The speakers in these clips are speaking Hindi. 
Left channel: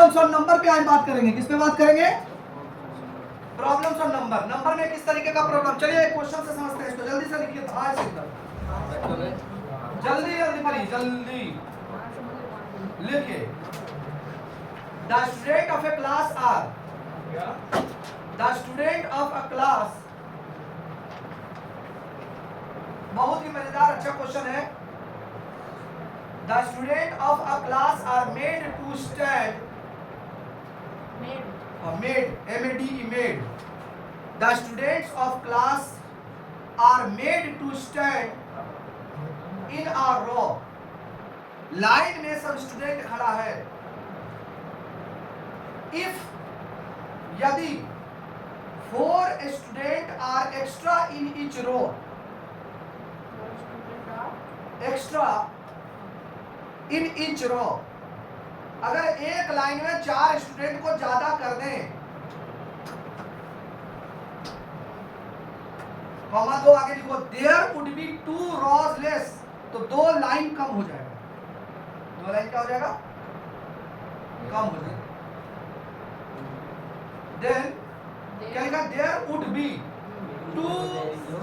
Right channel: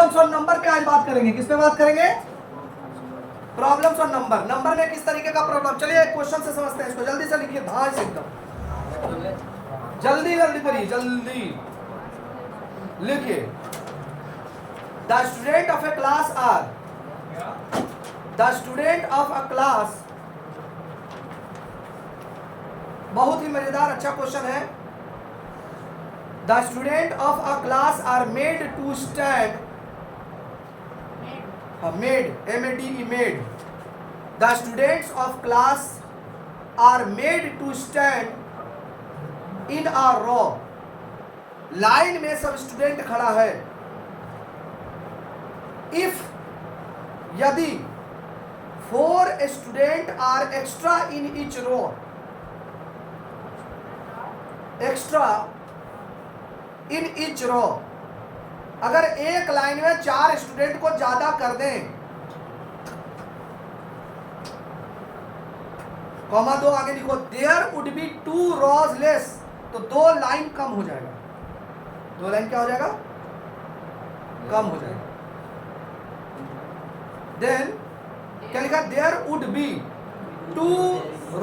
प्रॉब्लम्स और नंबर पे आज बात करेंगे। किस पे बात करेंगे? प्रॉब्लम्स और नंबर। नंबर में किस तरीके का प्रॉब्लम, चलिए एक क्वेश्चन से समझते हैं इसको। जल्दी से लिखिए, धार से एकदम जल्दी जल्दी करिए, जल्दी लिखिए। The student of a class are, the student of a class, बहुत ही मजेदार अच्छा क्वेश्चन है। The student of a class are made to stand, made, M-A-D-E, made. The students of class are made to stand in a row. Line में सब स्टूडेंट खड़ा है। इफ, यदि 4 student are extra in each row, extra in each row, अगर एक लाइन में 4 स्टूडेंट को ज्यादा कर दें, कॉमा 2 आगे लिखो, there would be 2 rows less, तो 2 लाइन कम हो जाएगा। 2 लाइन क्या हो जाएगा? कम हो जाएगा। देन क्या लिखा? There would be 2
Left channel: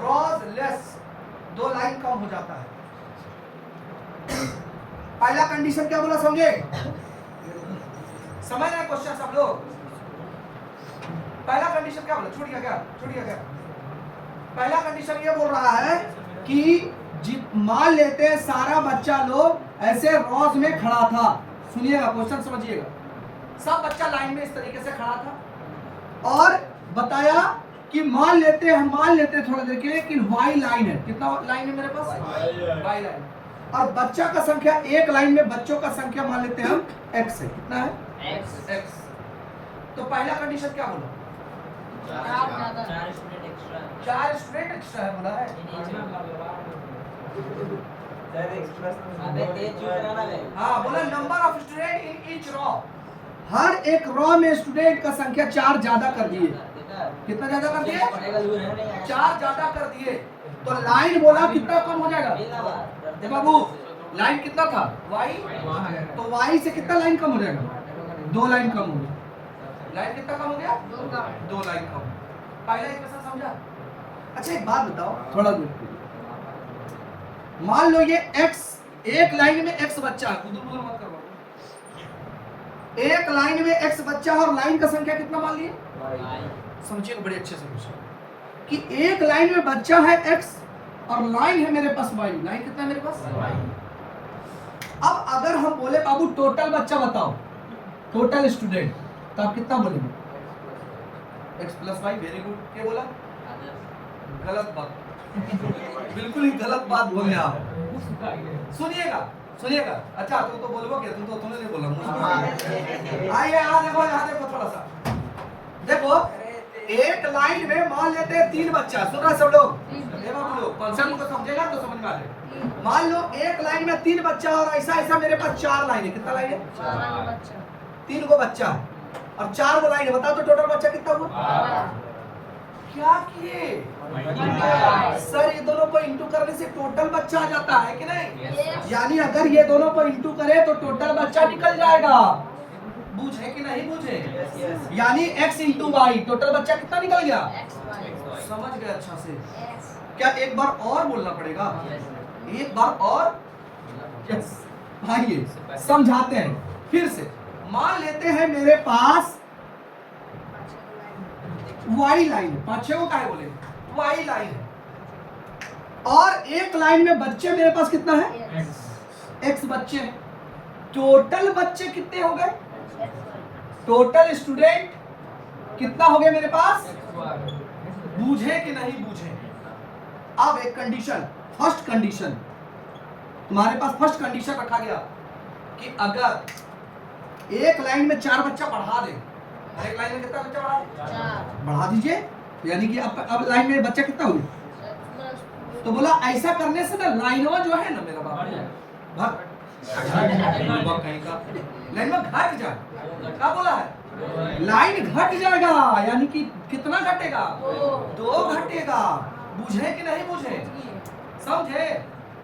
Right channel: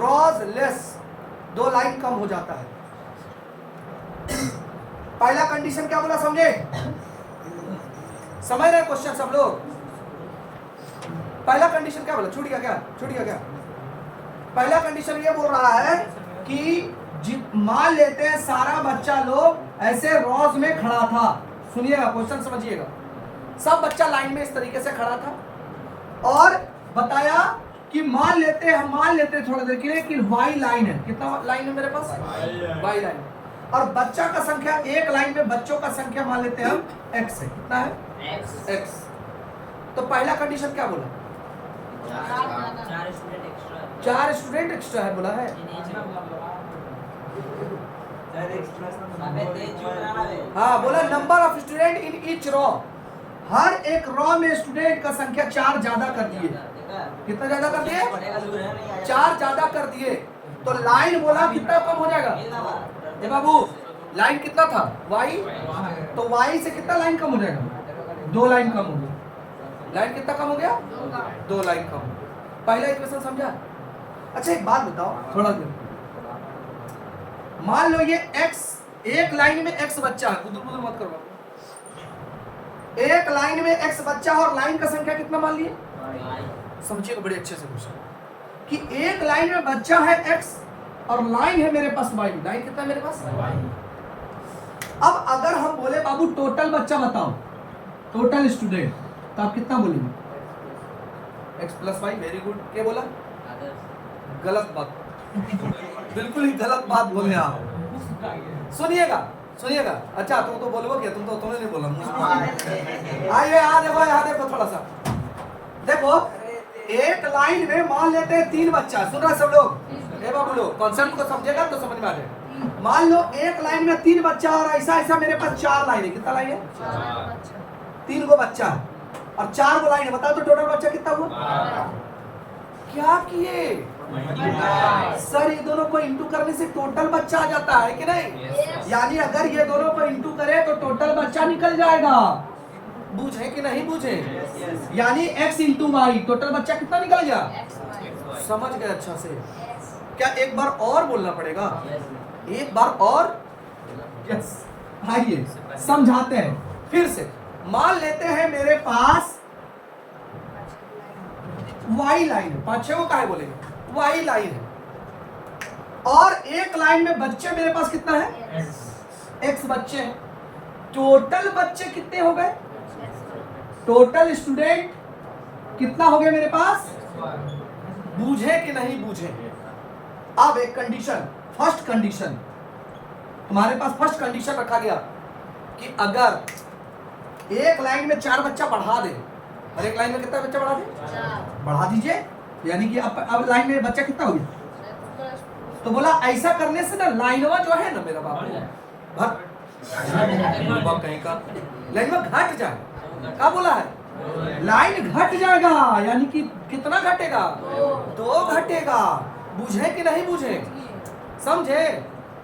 rows less, 2 line कम हो जाता है। पहला कंडीशन क्या बोला, समझे? समझ रहे क्वेश्चन सब लोग? पहला कंडीशन क्या बोला? छूट गया क्या? छूट गया क्या? पहला कंडीशन ये बोल रहा है कि मान लेते हैं सारा बच्चा लोग ऐसे रोज में खड़ा था। सुनिएगा, क्वेश्चन समझिएगा। सब बच्चा लाइन में इस तरीके से खड़ा था और बताया कि मान लेते थोड़ा देर के लिए कि वाई लाइन है। कितना लाइन है मेरे पास? Y line. और बच्चा का संख्या, एक लाइन में बच्चों का संख्या मान लेते हैं हम x है। कितना है? x। तो पहला कंडीशन क्या बोला? 4 स्टूडेंट एक्स्ट्रा है बोला है। हाँ बोला number of student in each row, हर एक रो में स्टूडेंट का संख्या 4 ज्यादा कर दिए। कितना ज्यादा कर दिए? 4 ज्यादा कर दिए। तो लाइन बोला कितना कम हो जाएगा? ए बाबू, लाइन कितना था? y, तो y से कितना लाइन कम हो जाएगा? 2 लाइन कम हो गया। लाइन कितना कम हो गया? 2 लाइन कम। पहला इक्वेशन समझा? अच्छा एक बात बताओ, थोड़ा दूर, मान लो ये x, एक लाइन में x बच्चा है, खुद मत करो। एक लाइन में x बच्चा और लाइन का संख्या कितना मान लिए? समझिए बड़े अच्छे से पूछो कि एक लाइन में बच्चा है x और लाइन है मेरे पास y। लाइन कितना है मेरे पास? अब अगर हम बोले बाबू टोटल बच्चा बताओ, टोटल स्टूडेंट, तो आप कितना बोलेंगे? x + y। Very good. क्या बोला? गलत बात, बिल्कुल ही गलत बात बोल रहे आप। सुनिएगा सुनिएगा। अच्छा तुम तो बोलो क्या? तुमने नहीं बोला। आइए यहाँ देखो थोड़ा सा, देखो एक लाइन में मान लेते हैं 3 बच्चा। सुन रहे सब लोग? ये बाबू लोग कॉन्सेप्ट को समझेगा तो समझ में आ जाएगा। मान लो एक लाइन में 3 बच्चा और ऐसा ऐसा मेरे पास 4 लाइन है। कितना लाइन है? 3 को बच्चा और 4 को लाइन है। बताओ तो टोटल बच्चा कितना हुआ? क्या किए सर? ये दोनों को इंटू करने से टोटल बच्चा आ जाता है कि नहीं? यानी अगर ये दोनों को इंटू करे तो टोटल बच्चा निकल जाएगा। बूझे कि नहीं बूझे? यानी x × y, टोटल बच्चा कितना निकल गया? समझ गए अच्छा से? क्या एक बार और बोलना पड़ेगा? एक बार और? यस। आइए समझाते हैं फिर से। मान लेते हैं मेरे पास y लाइन, 5-6 को काहे बोलेंगे? y लाइन है और एक लाइन में बच्चे मेरे पास कितना है? x बच्चे। टोटल बच्चे कितने हो गए? टोटल स्टूडेंट कितना हो गया मेरे पास? बूझे कि नहीं बूझे? अब एक कंडीशन, फर्स्ट कंडीशन तुम्हारे पास, फर्स्ट कंडीशन रखा गया कि अगर एक लाइन में 4 बच्चा बढ़ा दे, एक लाइन में कितना बच्चा बढ़ा दे? बढ़ा दीजिए। यानी कि अब लाइन में बच्चा कितना हुआ? तो बोला ऐसा करने से ना लाइनवा जो है ना मेरा बाप कहीं का लाइनवा घट जाए। क्या बोला है? लाइन घट जाएगा। यानी कि कितना घटेगा? 2 घटेगा। बुझे कि नहीं बुझे? समझे?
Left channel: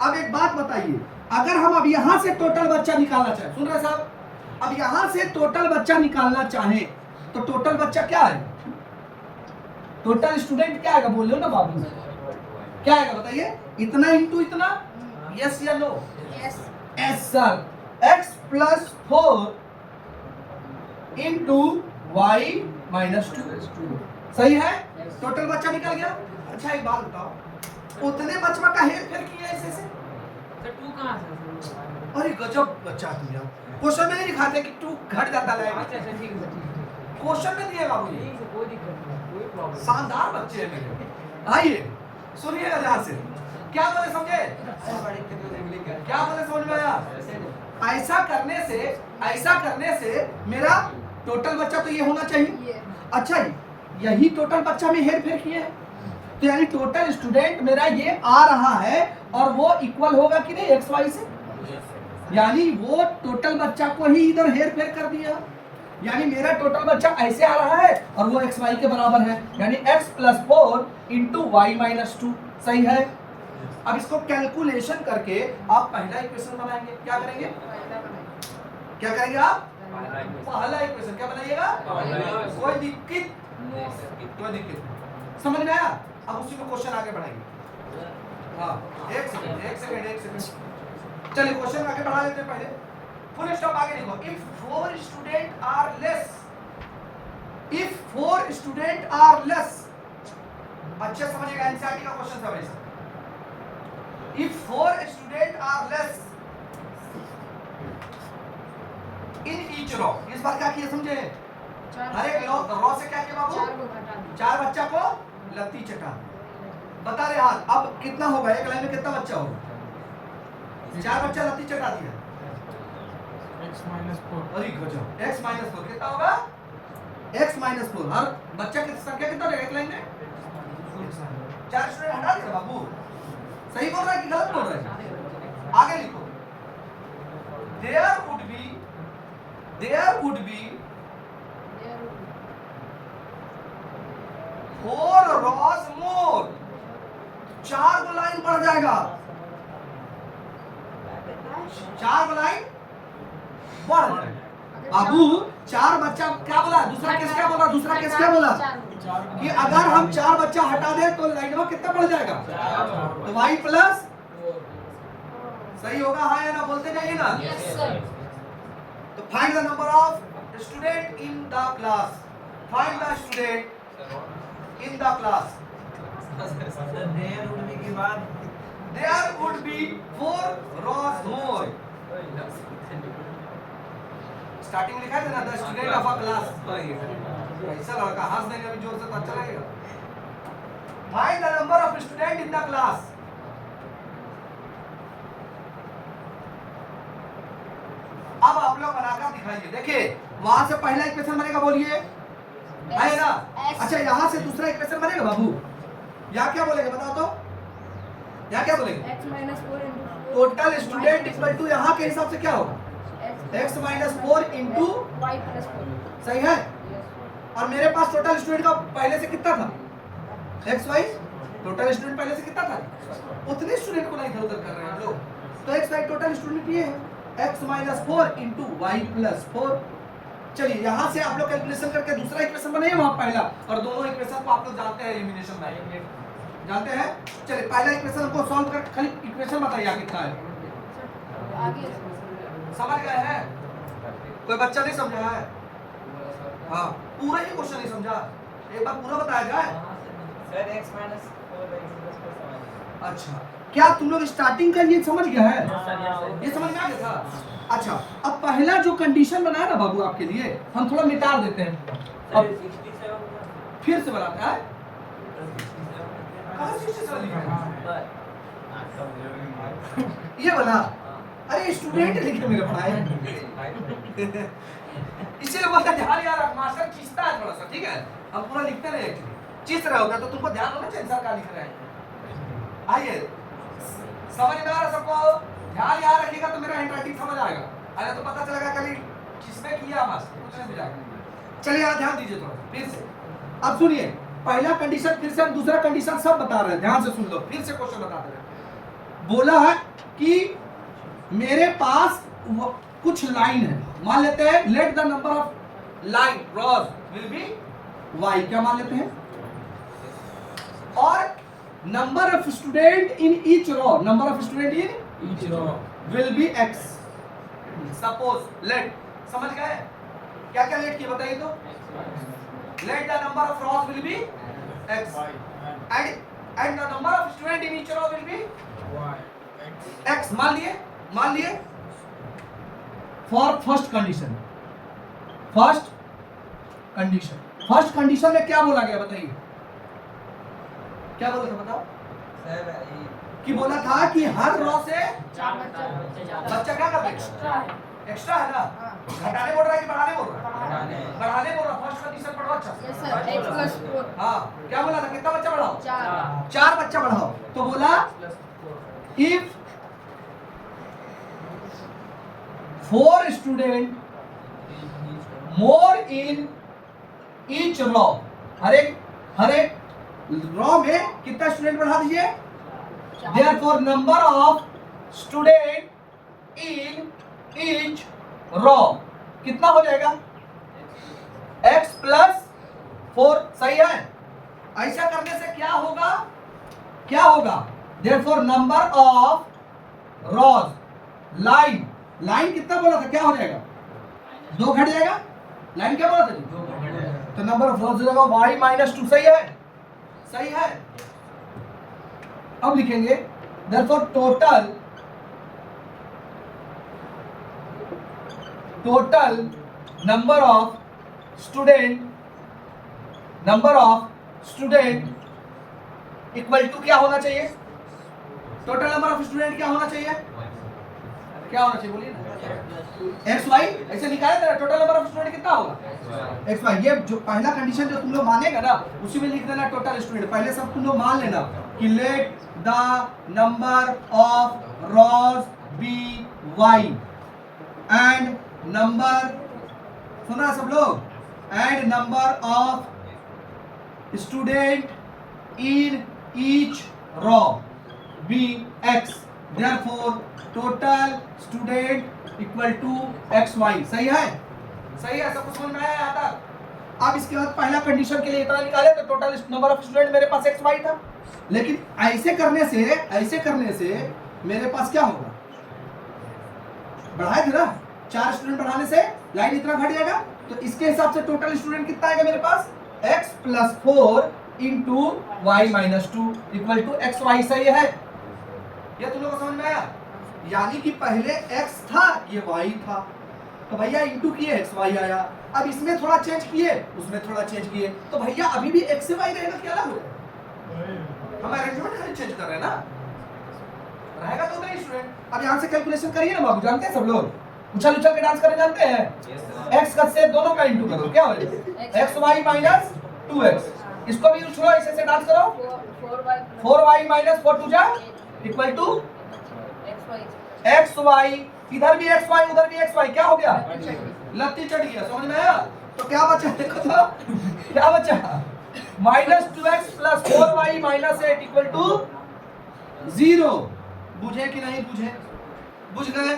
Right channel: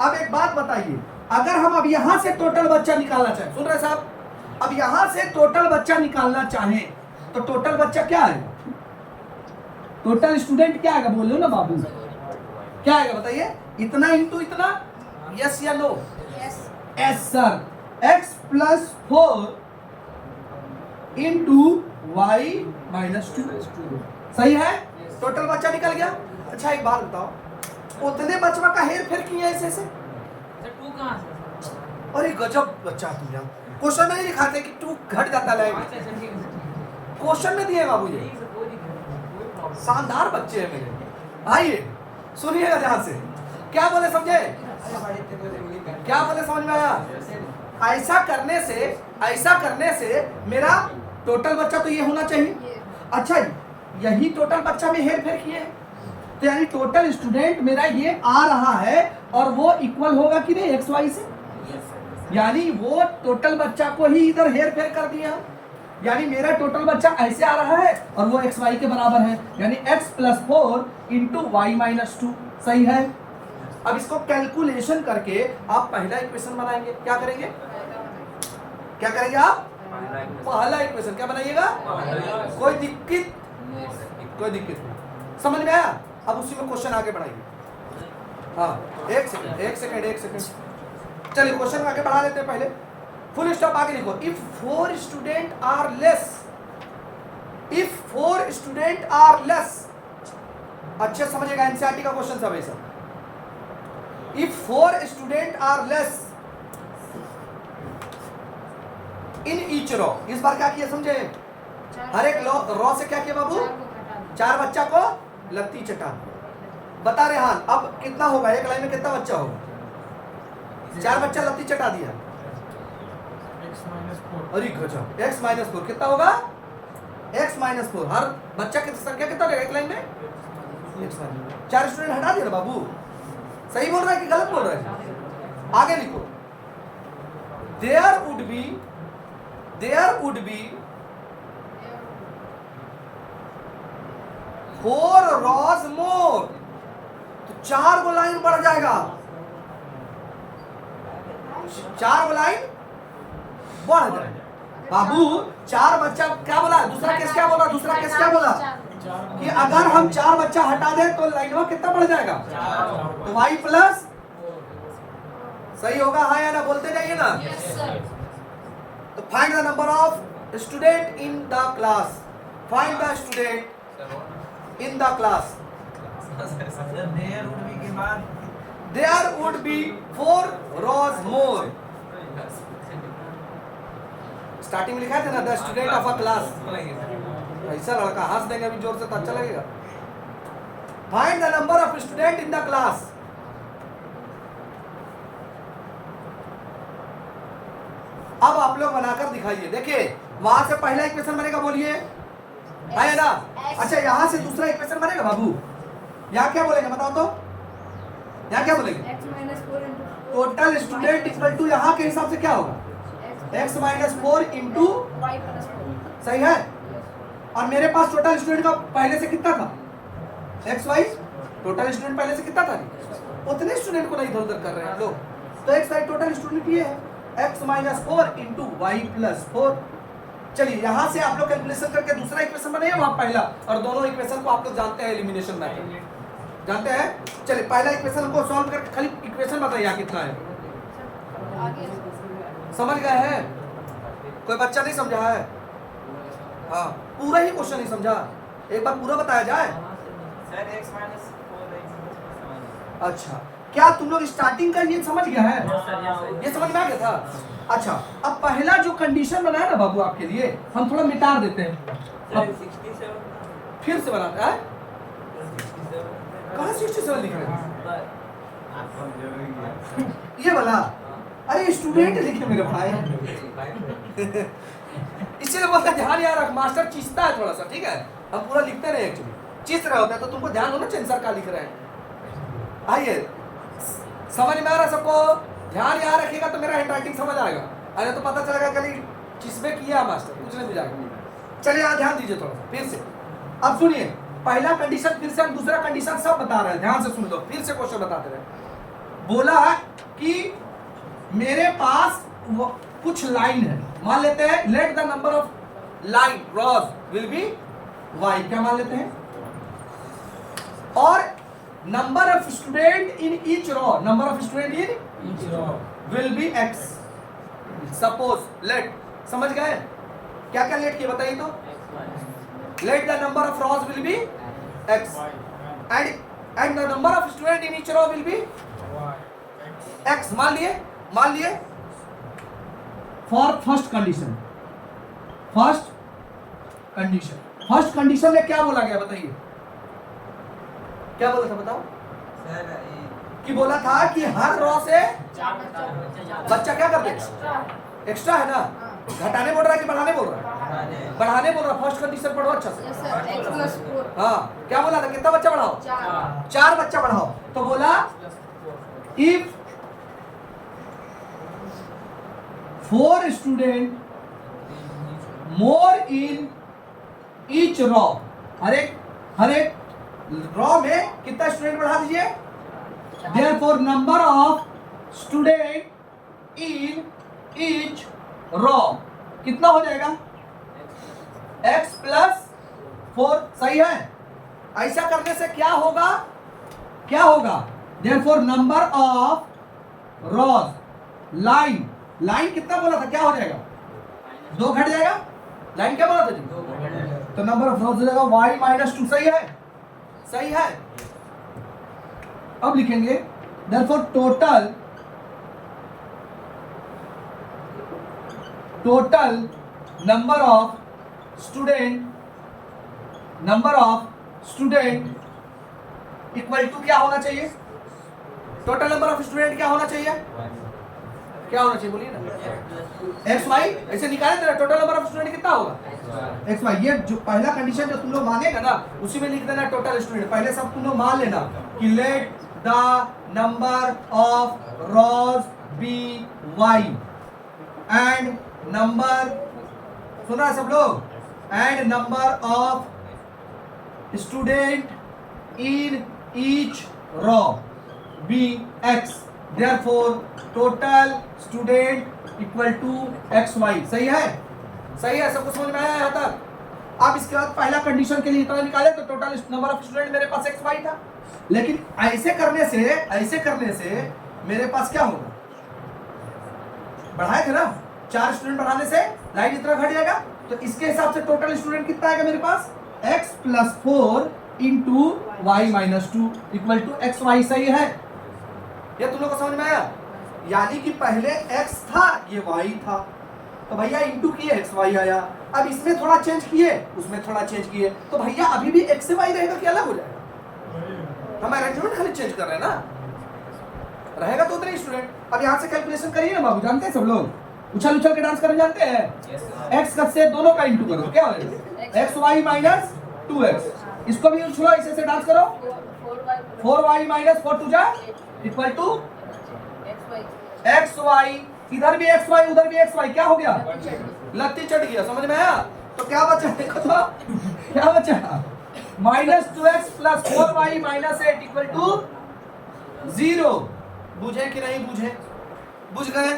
अब एक बात बताइए, अगर हम अब यहां से टोटल बच्चा निकालना चाहें, सुन रहे साहब, अब यहां से टोटल बच्चा निकालना चाहे तो टोटल बच्चा क्या है, टोटल स्टूडेंट क्या आएगा, बोलो ना बाबू, क्या आएगा बताइए, इतना इंटू इतना, यस या no, yes sir, x plus 4 into y minus 2, सही है, टोटल बच्चा निकल गया। अच्छा एक बात बताओ, उतने बच्चा का हेर फेर किए ऐसे, अरे गजब बच्चा तुम लोग, क्वेश्चन में नहीं दिखाते कि 2 घट जाता है, क्वेश्चन में दिए बाबू जी, शानदार बच्चे हैं मेरे। आइए सुनिएगा ध्यान से, क्या बोले समझे, क्या बोले समझ में आया, ऐसा करने से मेरा टोटल बच्चा तो ये होना चाहिए। अच्छा यही टोटल बच्चा में हेर फेर किए हैं, तो यानी टोटल स्टूडेंट मेरा ये आ रहा है और वो इक्वल होगा कि नहीं एक्स वाई से, यानी वो टोटल बच्चा को ही इधर हेर फेर कर दिया, यानी मेरा टोटल बच्चा ऐसे आ रहा है और वो एक्स वाई के बराबर है, यानी x plus 4 into y minus 2, सही है। अब इसको कैलकुलेशन करके आप पहला इक्वेशन बनाएंगे, क्या करेंगे, क्या करेंगे आप, पहला इक्वेशन क्या बनाइएगा, कोई दिक्कत नहीं, समझ में आया। अब उसी में क्वेश्चन आगे बढ़ाएंगे, हाँ एक सेकंड, चलिए क्वेश्चन आगे बढ़ा लेते हैं, पहले फुल स्टॉप आगे लिखो, इफ 4 स्टूडेंट आर लेस, अच्छे समझेगा, एनसीईआरटी का क्वेश्चन सब ऐसा, if 4 student are less in each row, इस बार क्या किया समझे, हर एक रॉ से क्या किया बाबू, 4 बच्चा को लत्ती चटा, बता रहे हां अब कितना होगा, एक लाइन में कितना बच्चा होगा, 4 बच्चा लत्ती चटा दिया, अरे गजब, x माइनस 4 कितना होगा, x माइनस 4, हर बच्चा की संख्या कितना रहेगा एक लाइन में, 4 स्टूडेंट हटा दिया बाबू, सही बोल रहा है कि गलत बोल रहा है, आगे लिखो, देयर वुड बी 4 रॉज मोर, तो 4 गो लाइन बढ़ जाएगा, 4 गो लाइन बढ़ जाएगा बाबू, 4 बच्चा क्या बोला, दूसरा केस क्या बोला कि अगर हम 4 बच्चा हटा दें तो लाइन में कितना बढ़ जाएगा, तो y प्लस, सही होगा हाँ या ना, बोलते जाइए ना, तो find the number of student in the class, find the student in the class, there would be 4 rows more, starting में लिखा था ना, the student of a class, ऐसा लड़का हंस देंगे अभी जोर से तो अच्छा लगेगा, find the number of student in the class, अब आप लोग बनाकर दिखाइए, देखिए वहां से पहला इक्वेशन बनेगा, बोलिए है ना, अच्छा यहाँ से दूसरा इक्वेशन बनेगा बाबू, यहाँ क्या बोलेंगे बताओ तो, यहाँ क्या बोलेंगे, टोटल स्टूडेंट इक्वल टू, यहाँ के हिसाब से क्या होगा, x माइनस 4 इंटू, सही है, और मेरे पास टोटल स्टूडेंट का पहले से कितना था, x वाई, टोटल स्टूडेंट पहले से कितना था, उतने स्टूडेंट को नहीं इधर उधर कर रहे हैं लोग, तो x वाई टोटल स्टूडेंट ये है, x minus 4 into y plus 4, चलिए यहाँ से आप लोग कैलकुलेशन करके दूसरा इक्वेशन बनाइए, वहाँ पहला, और दोनों इक्वेशन को आप लोग जानते हैं एलिमिनेशन में, जानते हैं, चलिए पहला इक्वेशन को सॉल्व करके खाली इक्वेशन बताइए कितना है, समझ गए हैं, कोई बच्चा नहीं समझा है, हाँ पूरा ही क्वेश्चन नहीं समझा, एक बार पूरा बताया जाए, अच्छा क्या तुम लोग स्टार्टिंग का ये समझ गया है, ये समझ में आ गया था, अच्छा अब पहला जो कंडीशन बनाया ना बाबू आपके लिए, हम थोड़ा मिटा देते हैं, अब फिर से बनाते हैं, 67 लिखा है, ये बना, अरे स्टूडेंट लिखे मेरे भाई, इसलिए बोलते ध्यान यार मास्टर चीजता है थोड़ा सा, ठीक है, हम पूरा लिखते नहीं एक्चुअली, चीज रहे होता है तो तुमको ध्यान होना चाहिए सर क्या लिख रहे हैं, आइए समझ में आ रहा सबको, ध्यान यहाँ रखिएगा तो मेरा हैंडराइटिंग समझ आएगा, अरे तो पता चलेगा कल किसमें किया मास्टर, कुछ नहीं बुझाएगा, चलिए यहाँ ध्यान दीजिए थोड़ा फिर से, अब सुनिए पहला कंडीशन, फिर से हम दूसरा कंडीशन सब बता रहे हैं, ध्यान से सुन लो, फिर से क्वेश्चन बताते रहे, बोला है कि मेरे पास कुछ लाइन है, मान लेते हैं let the number of line rows will be y, क्या मान लेते हैं, और number of student in each row, number of student in each row will be x. Suppose let, समझ गए क्या क्या लेट किया बताइए तो, let the number of rows will be x and the number of student in each row will be x, मान लिए for first condition में क्या बोला गया बताइए, क्या बोला था बताओ, कि बोला था कि हर रो से बच्चा क्या कर देगा, एक्स्ट्रा है ना, घटाने बोल रहा है कि बढ़ाने बोल रहा है, बढ़ाने बोल रहा, फर्स्ट कंडीशन पढ़ो अच्छा से। हाँ क्या बोला था, कितना बच्चा बढ़ाओ, 4 बच्चा बढ़ाओ, तो बोला if 4 student more in each row, हर एक रॉ में कितना स्टूडेंट बढ़ा दीजिए, therefore number of student in each row कितना हो जाएगा, x प्लस 4, सही है। ऐसा करने से क्या होगा, therefore number of rows line कितना बोला था, क्या हो जाएगा, 2 घट जाएगा, लाइन क्या बोला था जी, तो नंबर ऑफ रॉज हो जाएगा y माइनस 2, सही है। अब लिखेंगे therefore total number of student equal to क्या होना चाहिए, टोटल नंबर ऑफ स्टूडेंट क्या होना चाहिए बोलिए ना, एक्स वाई, ऐसे निकाले तेरा टोटल नंबर ऑफ स्टूडेंट कितना होगा, एक्स वाई। ये जो पहला कंडीशन जो तुम लोग मानेगा ना उसी में लिख देना टोटल स्टूडेंट, पहले सब तुम लोग मान लेना कि let the number of rows be y and number, सुना सब लोग, and number of student in each row be x, therefore total student equal to x y, सही है, सब कुछ समझ में आया यहाँ तक। अब इसके बाद पहला कंडीशन के लिए इतना निकाले तो टोटल नंबर ऑफ स्टूडेंट मेरे पास एक्स वाई था, लेकिन ऐसे करने से मेरे पास क्या होगा, बढ़ाए थे ना, 4 स्टूडेंट बढ़ाने से लाइन इतना घट जाएगा, तो इसके हिसाब से टोटल स्टूडेंट कितना आएगा मेरे पास, x plus 4 into y minus 2 equal to x y, सही है। ये तुम लोग को समझ में आया, यानी कि पहले x था ये y था, तो भैया इंटू किए एक्स वाई आया, अब इसमें थोड़ा चेंज किए उसमें थोड़ा चेंज किए, तो भैया अभी भी x से y रहेगा कि अलग हो जाएगा, हम अरेंजमेंट खाली चेंज कर रहे हैं ना, रहेगा तो उतने स्टूडेंट। अब यहाँ से कैलकुलेशन करिए ना बाबू, जानते हैं सब लोग, उछल के डांस करने जानते हैं, x का से दोनों का इंटू करो, क्या हो जाएगा, एक्स वाई माइनस 2x, इसको भी उछलो ऐसे से डांस करो, 4y माइनस 4 टू जा इक्वल टू एक्स वाई, इधर भी एक्स वाई उधर भी एक्स वाई, क्या हो गया, लत्ती चढ़ गया, समझ में आया, तो क्या बचा, देखो तो क्या बचा, minus 2x plus 4y minus 8 equal to 0, बुझे कि नहीं बुझे, बुझ गए।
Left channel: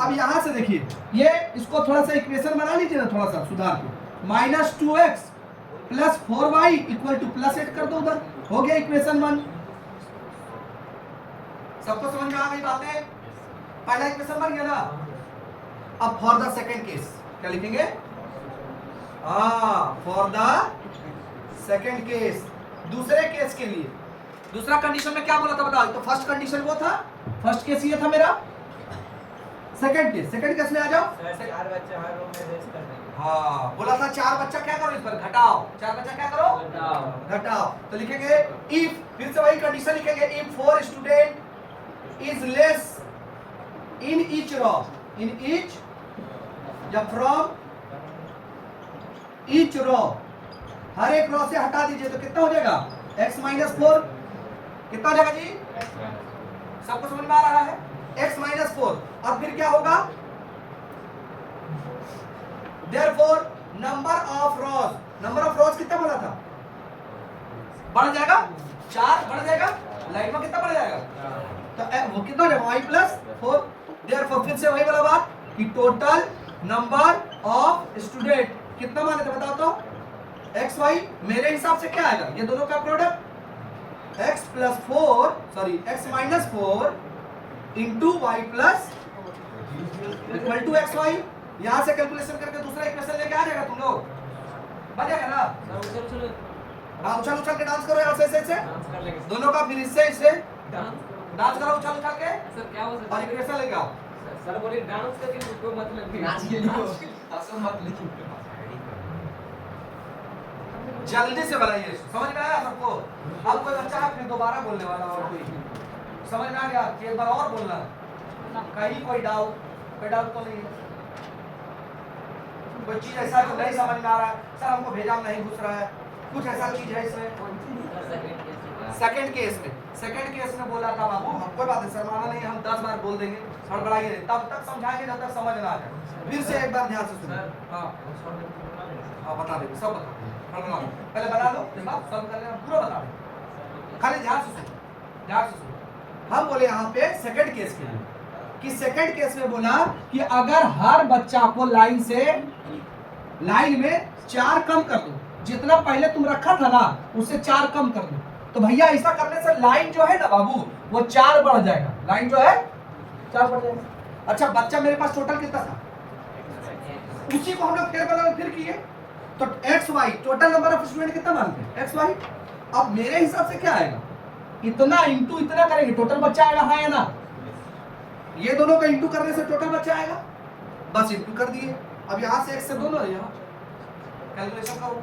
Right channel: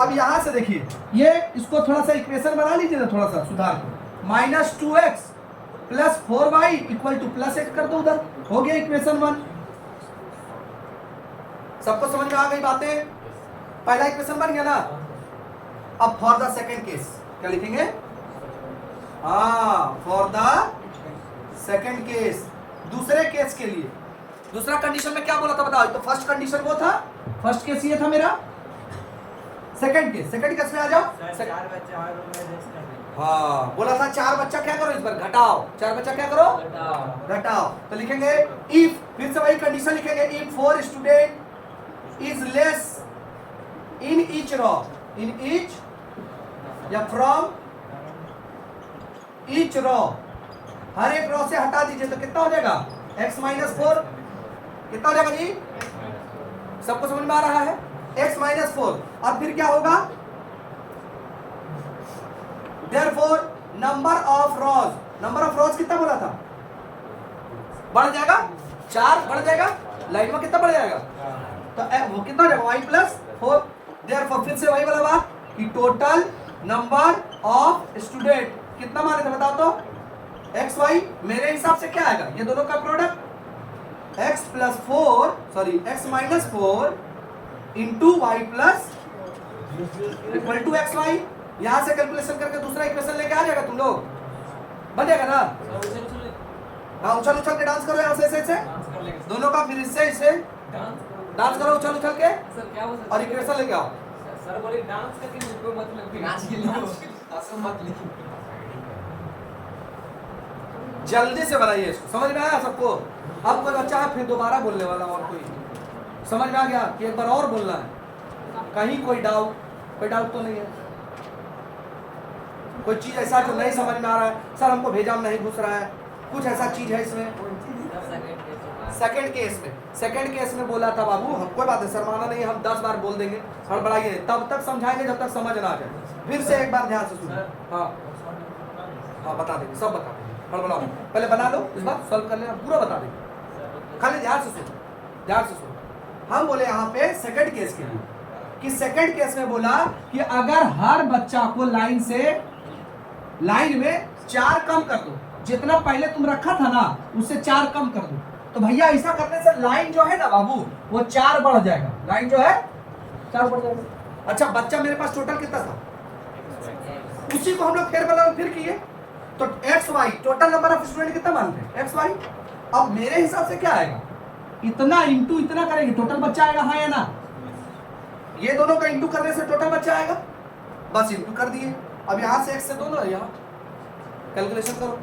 अब यहां से देखिए, ये इसको थोड़ा सा इक्वेशन बना लीजिए ना, थोड़ा सा सुधार के, minus 2x plus 4y equal two plus 8 कर दो उधर, हो गया इक्वेशन 1। सबको समझ में आ गई बातें, पहला इक्वेशन बन गया ना। अब फॉर द सेकेंड केस क्या लिखेंगे, फॉर द सेकेंड केस, दूसरे केस के लिए, दूसरा कंडीशन में क्या बोला था बताओ, तो फर्स्ट कंडीशन वो था, फर्स्ट केस ये था मेरा, सेकंड केस में आ जाओ, हाँ बोला था 4 बच्चा क्या करो, इस पर घटाओ, 4 बच्चा क्या करो, घटाओ, तो लिखेंगे इफ, फिर से वही कंडीशन लिखेंगे, if 4 student is less in each raw, in each या फ्रॉम ईच रॉ, हर एक रॉ से हटा दीजिए, तो कितना हो जाएगा, x माइनस 4, कितना हो जाएगा जी, सबको समझ में आ रहा है, x माइनस 4, और फिर क्या होगा, therefore नंबर ऑफ रॉज कितना बोला था, बढ़ जाएगा, 4 बढ़ जाएगा, लाइन में कितना बढ़ जाएगा, तो वो कितना हो जाएगा y प्लस 4, therefore फिर से वही वाला बात, कि टोटल नंबर ऑफ स्टूडेंट कितना माने थे बताओ तो, एक्स वाई। मेरे हिसाब से क्या आएगा, ये दोनों का product x plus 4 sorry x minus 4 into y plus equal to x y. यहां से कैलकुलेशन करके दूसरा इक्वेशन लेके आ जाएगा तुम लोग, बन जाएगा ना। हाँ उछल उछल के डांस करो ऐसे ऐसे दोनों का, फिर इससे इससे डांस करो उछल उछल के सर क्या बोल और इक्वेशन लेके आओ। सर बोले डांस करके लिखो मतलब नाच के लिखो असम मत लिखो। जल्दी से बनाइए इसको, समझ में आया सबको। अब कोई बच्चा है फिर दोबारा बोलने वाला और कोई समझ में आ गया कि एक बार और बोलना है, कहीं कोई डाउट तो नहीं है, कोई चीज ऐसा जो नहीं समझ में आ रहा है, सर हमको भेजा में नहीं घुस रहा है, कुछ ऐसा चीज है इसमें। सेकंड केस में बोला था बाबू, हम कोई बात नहीं शर्माना नहीं, हम 10 बार बोल देंगे और बढ़ाइए तब तक समझाएंगे जब तक समझ ना आ जाए। फिर से एक बार ध्यान से सुनिए। हाँ हाँ बता देंगे, सब बता देंगे, बना पहले बना दो, इस बार सॉल्व कर लेना, पूरा बता दो, खाली ध्यान से सुनो, ध्यान से सुनो। हम बोले यहाँ पे सेकंड केस के लिए कि सेकंड केस में बोला कि अगर हर बच्चा को लाइन में 4 कम कर दो, जितना पहले तुम रखा था ना उससे 4 कम कर दो, तो भैया ऐसा करने से लाइन जो है ना बाबू वो 4 बढ़ जाएगा, लाइन जो है 4 बढ़ जाएगा। अच्छा बच्चा मेरे पास टोटल कितना था, उसी को हम लोग फिर किए तो x y total number of student कितना मानते हैं एक्स वाई। अब मेरे हिसाब से क्या आएगा, इतना इंटू इतना करेंगे टोटल बच्चा आएगा, हाँ या ना। ये दोनों का इंटू करने से टोटल बच्चा आएगा, बस इंटू कर दिए। अब यहाँ से x से दोनों यहाँ कैलकुलेशन करो,